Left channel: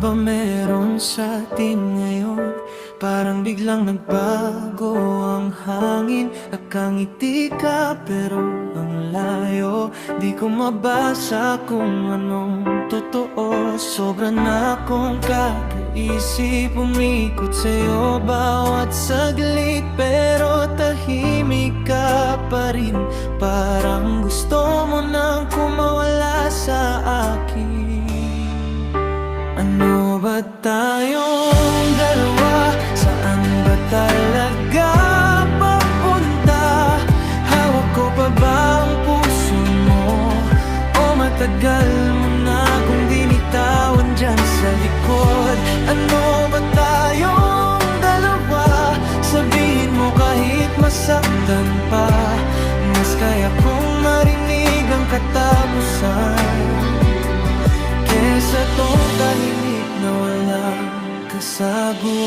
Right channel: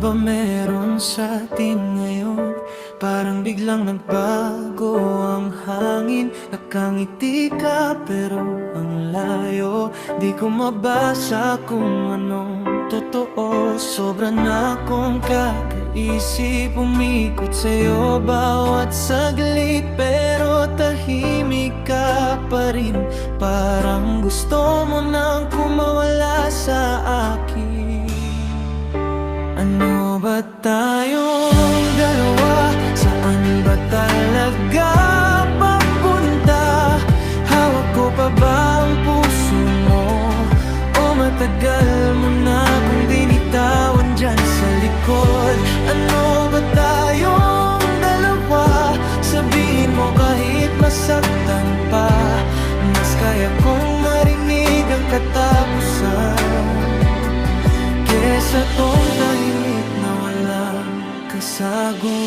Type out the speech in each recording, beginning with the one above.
ba meron sa atin ngayon? Parang biglang nagbago ang hangin. Nakangiti ka pero ang layo. Di ko mabasa kung anong totoo. Sobra na akong kakaisip, umikot sa'yo bawat saglit. Pero tahimik ka pa rin, parang gusto mo nang kumawala sa akin. Ano ba tayong dalawa? Saan ba talaga papunta? Hawak ko pa ba ang puso mo? O matagal mo na kung binitawan dyan sa likod? Ano ba tayong dalawa? Sabihin mo kahit masaktan pa. Mas kaya kong marinig ang katapusan kesa tong tahimik na walang kasagutan.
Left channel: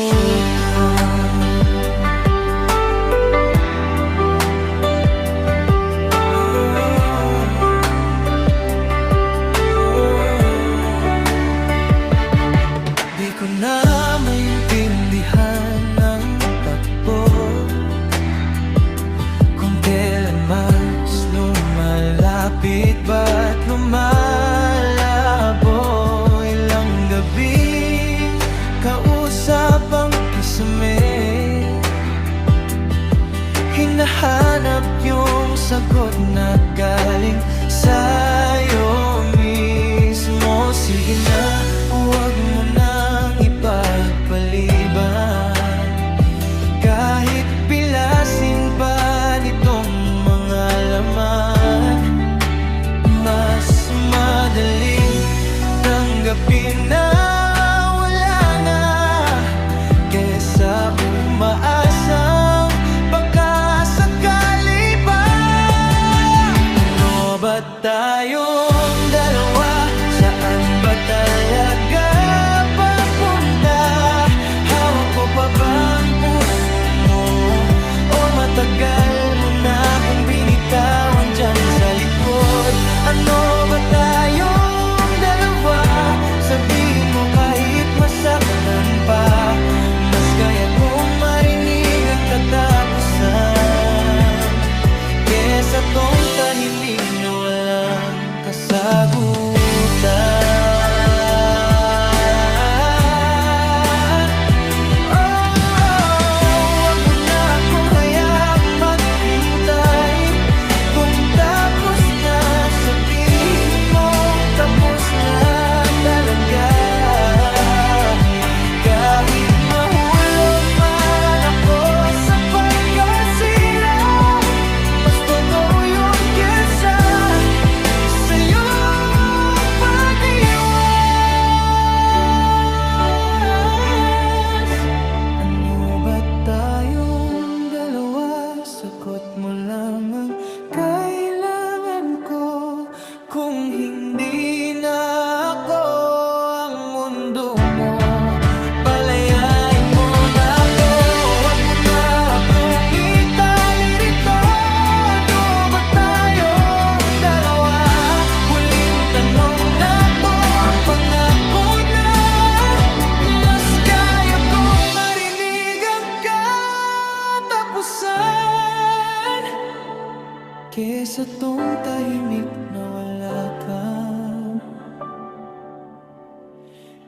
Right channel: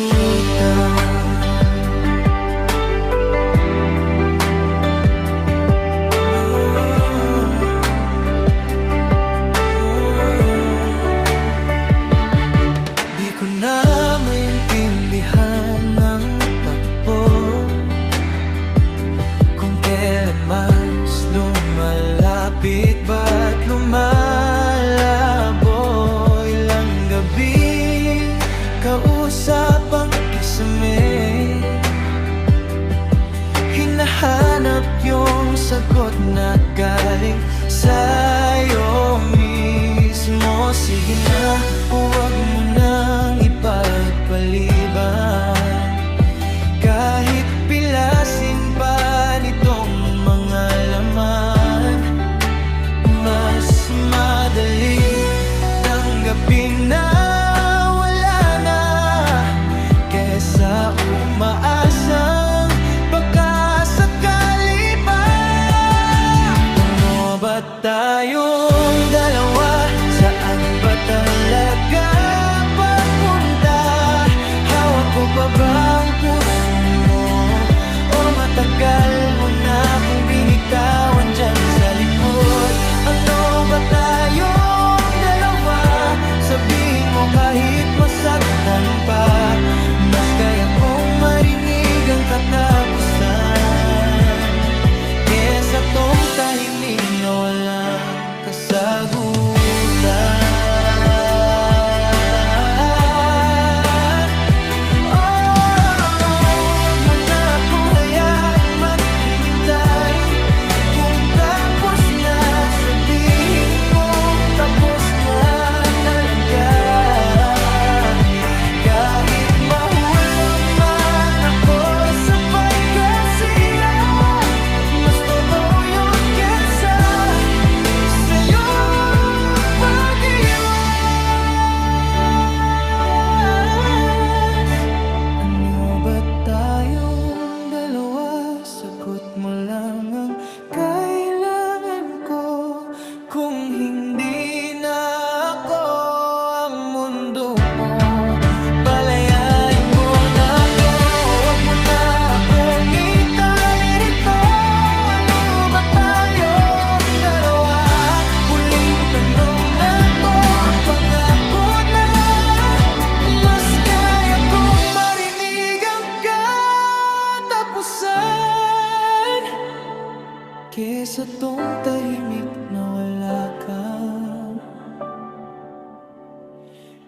Di ko na maintindihan ang takbo kung kailan mas lumalapit ba't lumalabo. Ilang gabi kausap ang kisame, hinahanap yung sagot na galing sa'yo mismo. Sige na, huwag mo nang ipagpaliban. Kahit pilasin pa nitong mga laman, mas madaling tanggapin na wala na kesa umaasang baka sakali pa. Ano ba tayong dalawa? Saan ba talaga papunta? Hawak ko pa ba ang puso mo? O matagal mo na kung binitawan dyan sa likod? Ano ba tayong dalawa? Sabihin mo kahit masaktan pa. Mas kaya kong marinig ang katapusan kesa tong tahimik na walang kasagutan. Oh, wag mo na akong hayaang maghintay. Kung tapos na, sabihin mo tapos na talaga. Kahit mahulog man ako sa pagkasira, mas totoo yun kesa sa'yo pag-iwas. Ano ba tayong dalawa? Sagot mo lang ang kailangan ko. Kung hindi na ako ang mundo mo, palayain mo na ako. Huwag mo na akong itali rito. Ano ba tayong dalawa? Huling tanong na to, pangako na. Mas kaya kong marinig ang katapusan kesa tong tahimik na wala kang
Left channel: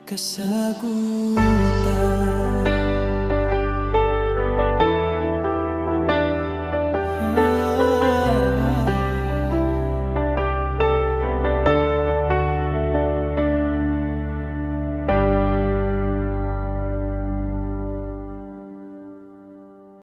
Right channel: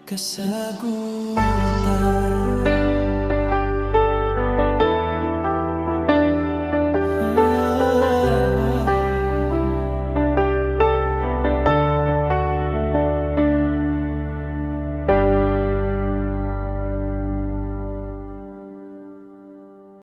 kasagutan.